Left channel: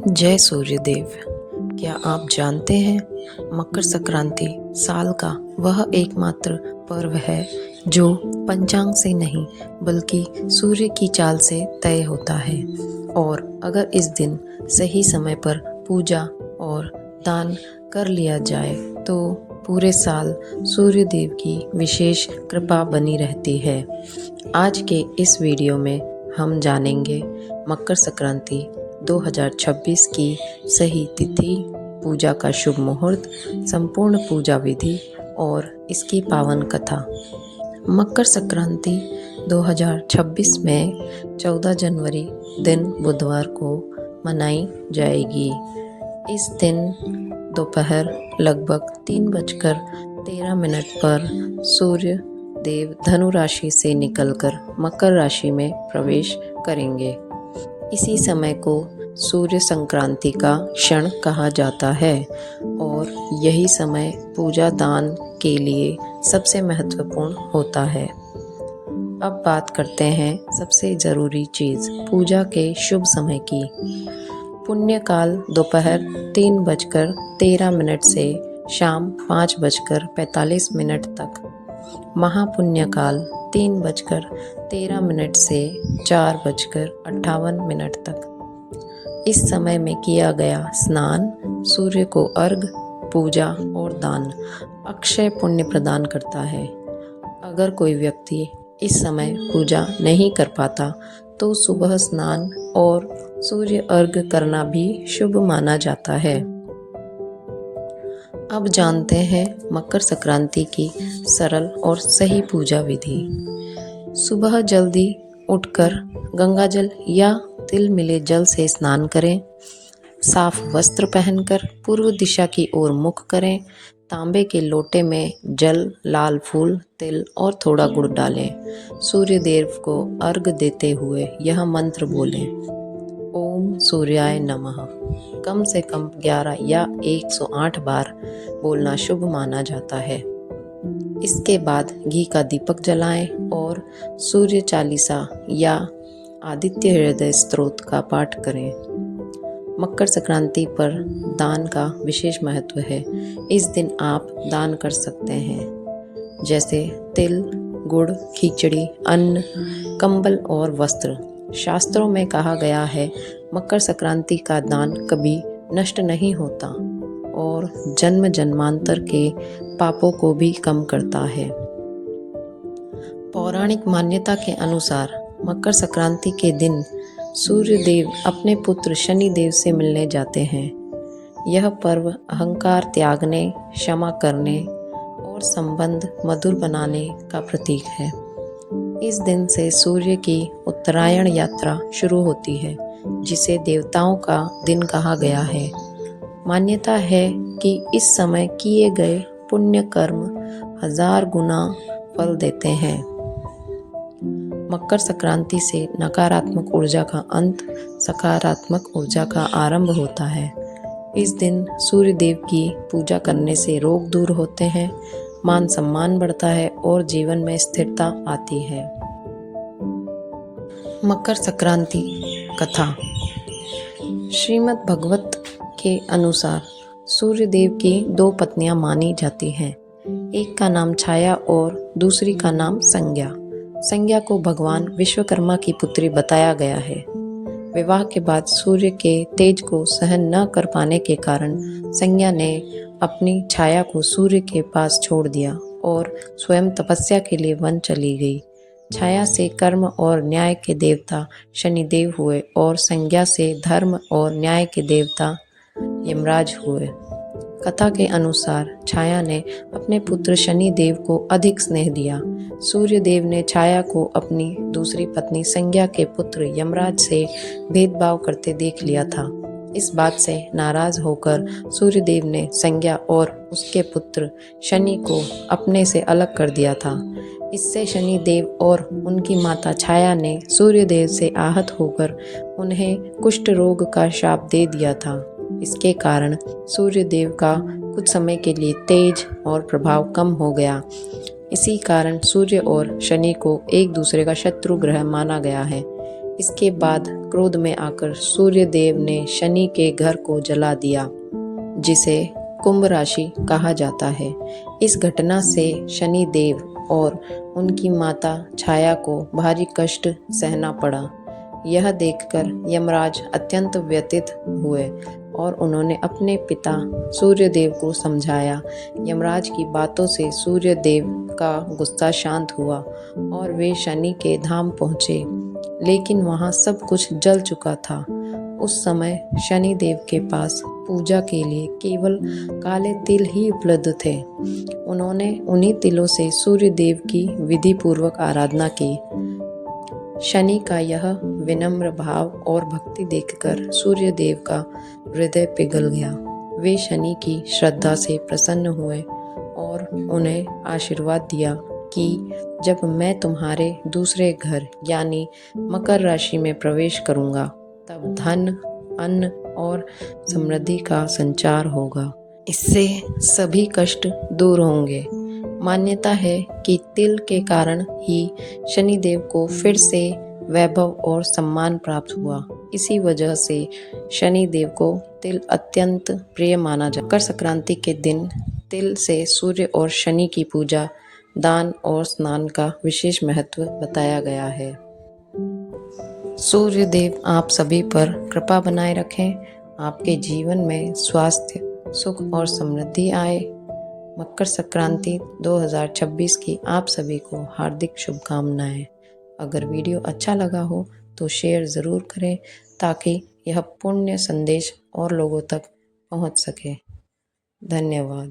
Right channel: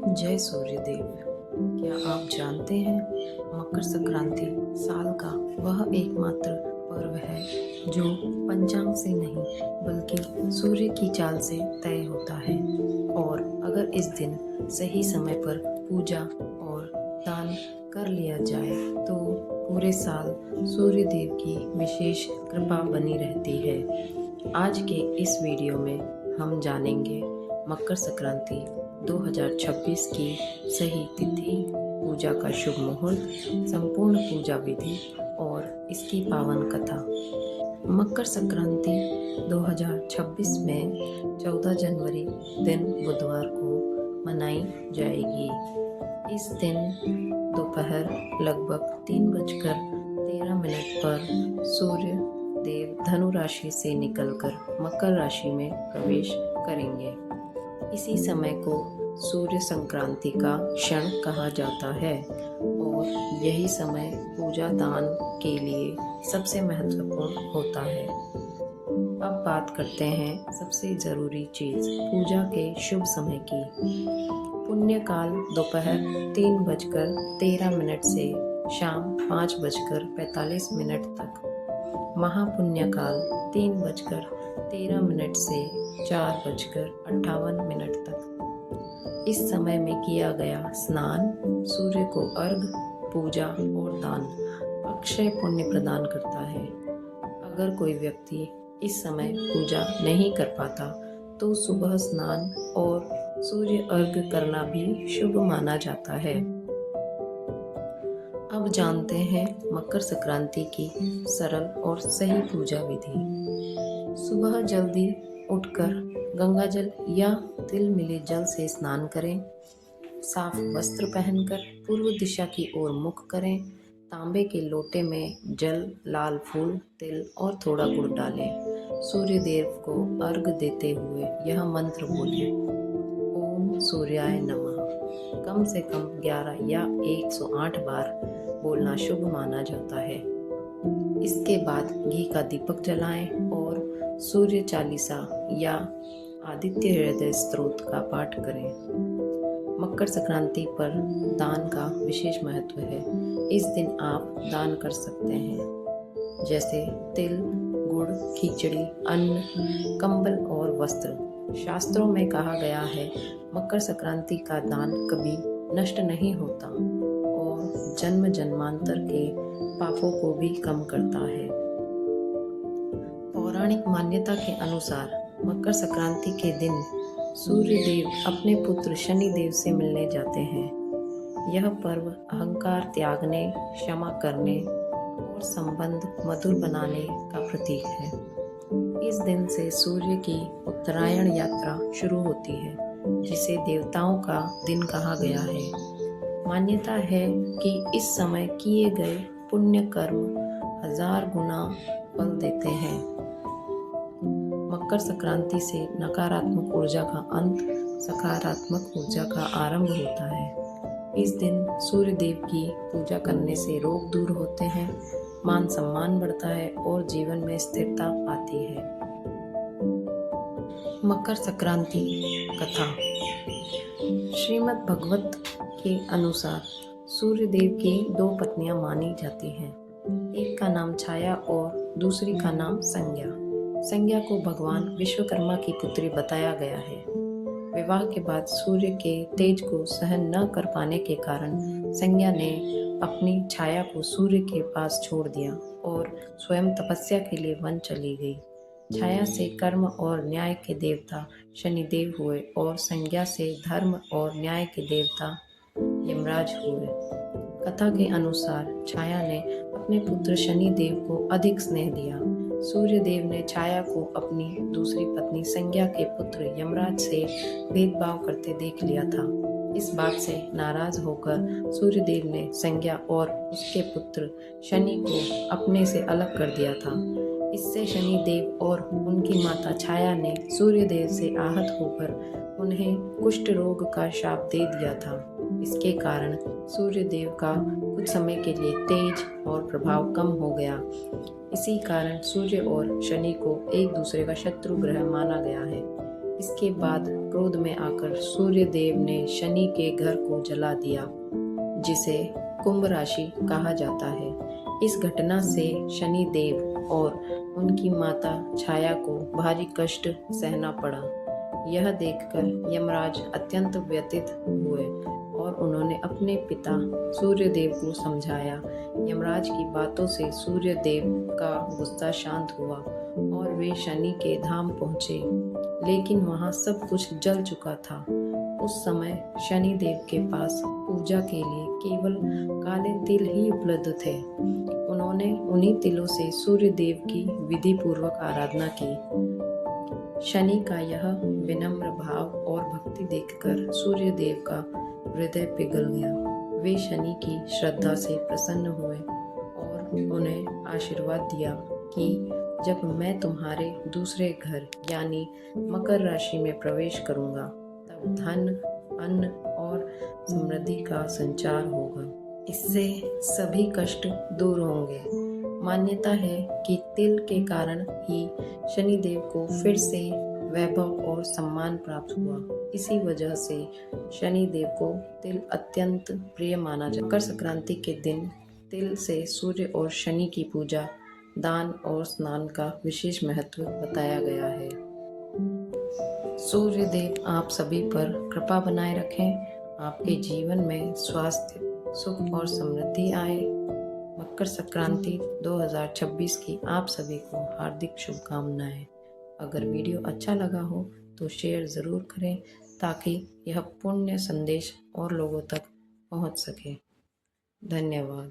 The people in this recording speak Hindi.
जय सूर्यदेव। क्या आप जानते हैं मकर संक्रांति साल का वह एकमात्र पर्व है जो पंचांग से नहीं बल्कि सूर्य की चाल से तय होता है। और अगर इस दिन सही समय पर पूजा और दान कर लिया जाए तो पूरे साल सूर्य देव की विशेष कृपा बनी रहती है। आज के इस वीडियो में हम जानेंगे मकर संक्रांति 2026 की सही तिथि, पूजा का शुभ मुहूर्त, संपूर्ण पूजा विधि और इसकी पावन कथा। मकर संक्रांति 2026 में 14 जनवरी दिन बुधवार को मनाई जाएगी। इस दिन दोपहर लगभग 3:13 पर सूर्य देव धनु राशि से निकलकर मकर राशि में प्रवेश करेंगे। इसी समय को सूर्य संक्रांति का क्षण कहा जाता है और यही समय पूजा दान के लिए सबसे महत्वपूर्ण होता है। अब बात करते हैं सबसे ज़रूरी चीज़ पूजा के शुभ समय की। पुण्यकाल दोपहर 3:13 से शाम 5:45 तक। महापुण्यकाल 3:13 से 4:58 तक। इस समय में किया गया स्नान सूर्य को अर्घ, पूजा और दान अक्षय पुण्य प्रदान करता है। अगर कोई व्यक्ति इस समय पूजा नहीं कर पाता तो सुबह स्नान और सूर्य अर्घ करना भी शुभ माना जाता है। अब जानते हैं मकर संक्रांति की सरल और सही पूजा विधि। सुबह जल्दी उठकर गंगाजल या तिल मिले जल से स्नान करें। साफ वस्त्र पहनकर पूर्व दिशा की ओर मुख करें। तांबे के लोटे में जल, लाल फूल, तिल और थोड़ा गुड़ डालें। सूर्य देव को अर्घ देते हुए यह मंत्र बोलें, ओम सूर्याय नमः। कम से कम 11 या 108 बार बोलना शुभ माना जाता है। इसके बाद घी का दीपक जलाएं और सूर्य चालीसा या आदित्य हृदय स्तोत्र का पाठ करें। मकर संक्रांति पर दान का विशेष महत्व है। इस दिन आप दान कर सकते हैं जैसे तिल, गुड़, खिचड़ी, अन्न, कंबल और वस्त्र। शास्त्रों में कहा गया है मकर संक्रांति का दान कभी नष्ट नहीं होता और जन्म जन्मांतर के पापों को भी कम करता है। पौराणिक मान्यता के अनुसार मकर संक्रांति के दिन सूर्य देव अपने पुत्र शनि देव से मिलने जाते हैं। यह पर्व अहंकार त्यागने, क्षमा करने और संबंध मधुर बनाने का प्रतीक है। इस दिन से सूर्य की उत्तरायण यात्रा शुरू होती है जिसे देवताओं का दिन कहा गया है। मान्यता है कि इस समय किए गए पुण्य कर्म 1000 गुना फल देते हैं। मकर संक्रांति से नकारात्मक ऊर्जा का अंत, सकारात्मक ऊर्जा का आरंभ होता है। इस दिन सूर्य देव की पूजा करने से रोग दूर होते हैं, मान सम्मान बढ़ता है और जीवन में स्थिरता आती है। मकर संक्रांति कथा। श्रीमद् भागवत के अनुसार सूर्य देव की 2 पत्नियां मानी जाती हैं। एक का नाम छाया और दूसरी का नाम संज्ञा। संज्ञा को भगवान विश्वकर्मा की पुत्री बताया गया है। विवाह के बाद सूर्य के तेज को सहन न कर पाने के कारण संज्ञा ने अपनी छाया को सूर्य के पास छोड़ दिया और स्वयं तपस्या के लिए वन चली गई। छाया से कर्म और न्याय के देवता शनिदेव हुए और संज्ञा से धर्म और न्याय के देवता यमराज हुए। कथा के अनुसार छाया ने अपने पुत्र शनि देव को अधिक स्नेह दिया। सूर्य देव ने छाया को अपनी दूसरी पत्नी संज्ञा के पुत्र यमराज से भेदभाव करते देख लिया था। इस बात से नाराज होकर सूर्य देव ने संज्ञा और उसके पुत्र शनि को अपने से अलग कर दिया था। इससे शनि देव और उनकी माता छाया ने सूर्य देव से आहत होकर उन्हें कुष्ठ रोग का शाप दे दिया था। इसके कारण सूर्य देव का कुछ समय के लिए तेज और प्रभाव कम हो गया। इसी कारण सूर्य और शनि को एक दूसरे का शत्रु ग्रह माना गया है। इसके बाद क्रोध में आकर सूर्य देव ने शनि के घर को जला दिया, जिसे कुंभ राशि कहा जाता है। इस घटना से शनि देव और उनकी माता छाया को भारी कष्ट सहना पड़ा। यह देखकर यमराज अत्यंत व्यथित हुए और उन्होंने अपने पिता सूर्यदेव को समझाया। यमराज की बातों से सूर्यदेव का गुस्सा शांत हुआ और वे शनि के धाम पहुँचे, लेकिन वहाँ सब कुछ जल चुका था। उस समय शनि देव के पास पूजा के लिए केवल काले तिल ही उपलब्ध थे। उन्होंने उन्हीं तिलों से सूर्य देव की विधि पूर्वक आराधना की। शनि का यह विनम्र भाव और भक्ति देखकर सूर्य देव का हृदय पिघल गया। वे शनि की श्रद्धा से प्रसन्न हुए और उन्हें आशीर्वाद दिया कि जब मैं तुम्हारे दूसरे घर यानी मकर राशि में प्रवेश करूंगा, तब धन, अन्न और समृद्धि का संचार होगा। इससे सभी कष्ट दूर होंगे। मान्यता है कि तिल के कारण ही शनिदेव को फिर से वैभव और सम्मान प्राप्त हुआ। इसी वजह से शनिदेव को तिल अत्यंत प्रिय माना जाता है। मकर संक्रांति के दिन तिल से सूर्य और शनि की पूजा, दान और स्नान का विशेष महत्व बताया गया है। सूर्य देव आप सभी पर कृपा बनाए रखें, आपके जीवन में स्वास्थ्य, सुख और समृद्धि आए। मकर संक्रांति 2026 की आप सभी को हार्दिक शुभकामनाएं। अगर वीडियो अच्छा लगा हो तो शेयर ज़रूर करें ताकि यह पुण्य संदेश और लोगों तक पहुंच सके। धन्यवाद।